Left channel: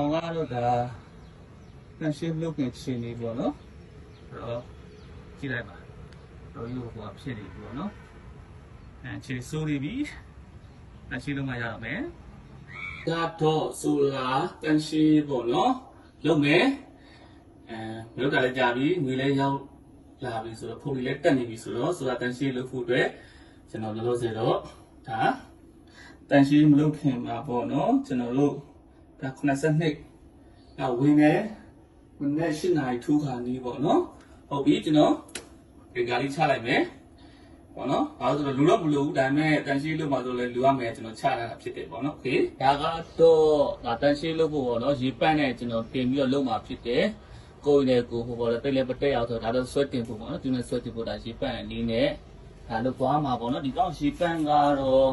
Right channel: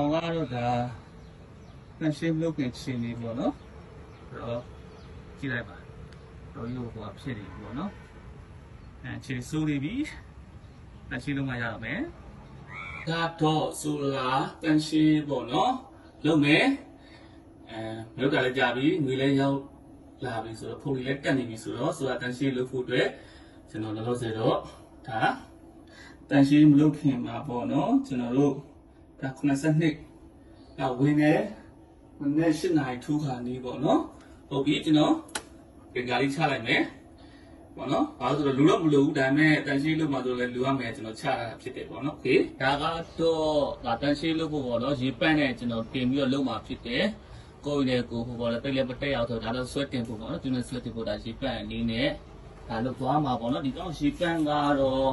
အောင်ကတော့ဒါတန်ရှင်းလုပ်ခဲ့ချင်းနေပေါ့နော်ကြည့်လိုက်ပါတော့ရုပ်ပေါ်ဖြစ်နေပေါ့နော်ခြေစူးနေပြီတန်ရှင်းလုပ်မှရတော့မယ်တော့ဆိုရတန်ရှင်းပေါ့နော်လုပ်မယ်လုပ်တာလည်းကြာပြီငွေလည်းရောက်လာပြီဆိုတော့ခုနေလည်းတက်နေပြီဆိုတော့ဆိုတာတန်ရှင်းလုပ်ဖို့အတွက်ကျွန်တော်လုပ်စေတော့ဒါတန်ရှင်းမလုပ်ခင်မှာပေါ့နော်ကျွန်တော်တို့ဒါ92ဝင်းနေဝင်နေ8နာရီထိုးခေါင်လေးပေါ့နော်ဟုတ်ပြီကျွန်တော်ဒီကလေးချလိုက်မယ်ပေါ့နော်ဘာလို့ဆိုတော့လူတော့မလိုဘူးဒါပေမဲ့တန်ရှင်းလုပ်မှဆိုလဲလူရမယ်ကျွန်တော်ချလာတာဖြစ်တယ်ပေါ့နော်โอเคဒါကတော့ဒါတန်ရှင်းလုပ်ဖို့ပေါ့နော်ရေပန့်နဲ့ကျွန်တော်တင်ပြီးတော့လုပ်မှဖြစ်တယ်ကိုယ်နဲ့ကိုယ်ဟိုပေါ့လေတိတ်လည်းမတက်အောင်ဆိုတော့ဒါလည်းဆွဲတင်ဖို့ပေါ့နော်သူနဲ့ဆွဲတင်ဖို့ဒါရေပန့်အနေနဲ့ဒါလုပ်သွားမှာပေါ့နော်ဒီကောင်ရေပန့်ကတော့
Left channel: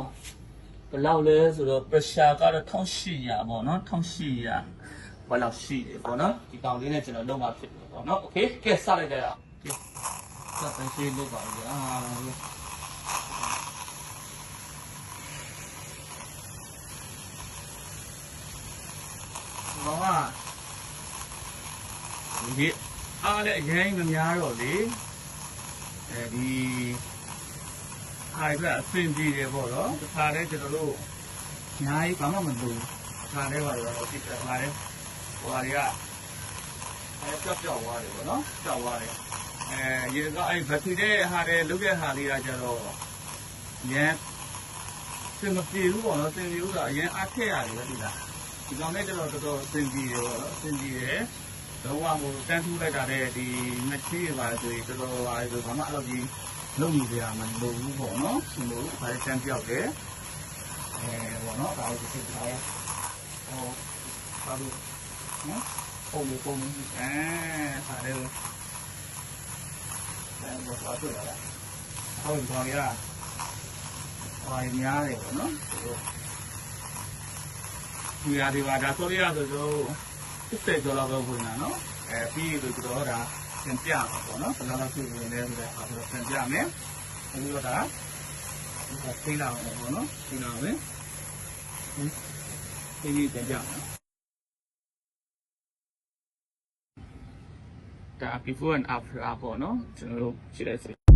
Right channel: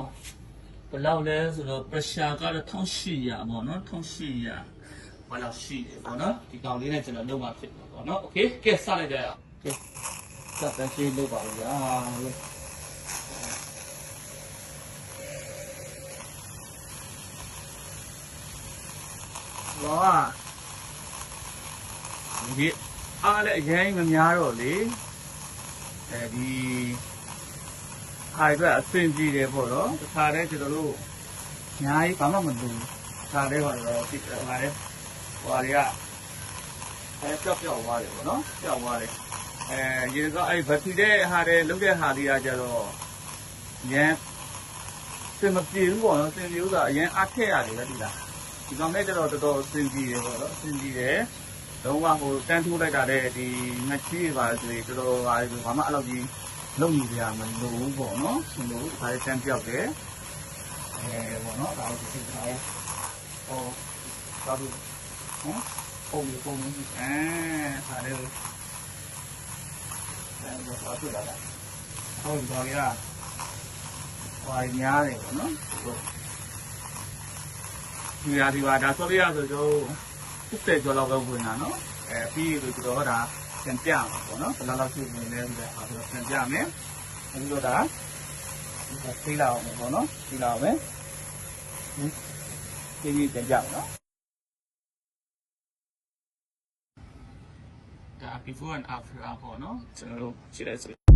ဘယ်လောက်လဲဆိုတော့ pressure ကတော့1800ပေါ့နော်1800ဘယ်လောက်ရှိတယ်ပေါ့နော်ဒီကောင်လေးနဲ့ကျွန်တော်လုပ်မှဖြစ်တယ်ပေါ့နော်โอเคကဲစလိုက်ကြရအောင်ကဲစတန်ရှင်းလုပ်ပါဦးဗျာဒီအားလည်းအရင်မများတော့လေဒီအားအတွက်အဆင်ပြေတယ်ပေါ့နော်တခါတည်းကျွန်တော်တို့ညာကြီးဘာမှမလုပ်တခါတည်းဟိုလိုဖြစ်တယ်ဟိုလည်းဟိုတွေကကြောက်သွားတယ်ပေါ့နော်ကြောက်သွားတယ်ရေကဘက်ထရီတဲ့ဟာတွေလုတ်တဲ့ဟာတွေကကျတော့ရန်စင်မပြေဘူးပေါ့နော်စင်ပြေဥသာအရင်အားထည့်ရတယ်ပဲဒီလားဒီကောင်နဲ့ကျတော့တော်တော်စင်ပြေတယ်ပေါ့နော်စင်ပြေတယ်လုံးဝဟိုတန်းထိုးလိုက်တာတဲ့ဒီငချီးပါဆိုရင်တော်တော်ဟာဆိုဘာမှအဲ့လိုကြီးလုံနေကြမလို့ဘူးပေါ့နော်ဆိုလို့ဒါလည်းတန်းပြောက်တယ်ပေါ့နော်ဒါလေးတစ်ချက်ထားလေးသာတို့ဟုတ်လေကိုလုံးဒါလည်းဘာဖြစ်လာဟောဒီကောင်လေးကဟိုများတယ်နော်ဒီရာဒီပါဒါဆိုရဆိုတော့တစ်ကျော်လောက်ပဲဝင်လာနော်ပြီးလို့ကျွန်တော်ကဒါပြန်ပြပါပေါ့နော်ဘယ်လောက်ရှိဝင်လဲဆိုတာပြန်ပြမယ်အခုတော့ဒါသိလာအောင်ပေါ့နော်သိလာအောင်ပဲဒီပြန်ပြမယ်နော်ဒါ before and after ပေါ့နော်ကျွန်တော်တို့ကြည့်လိုက်စို့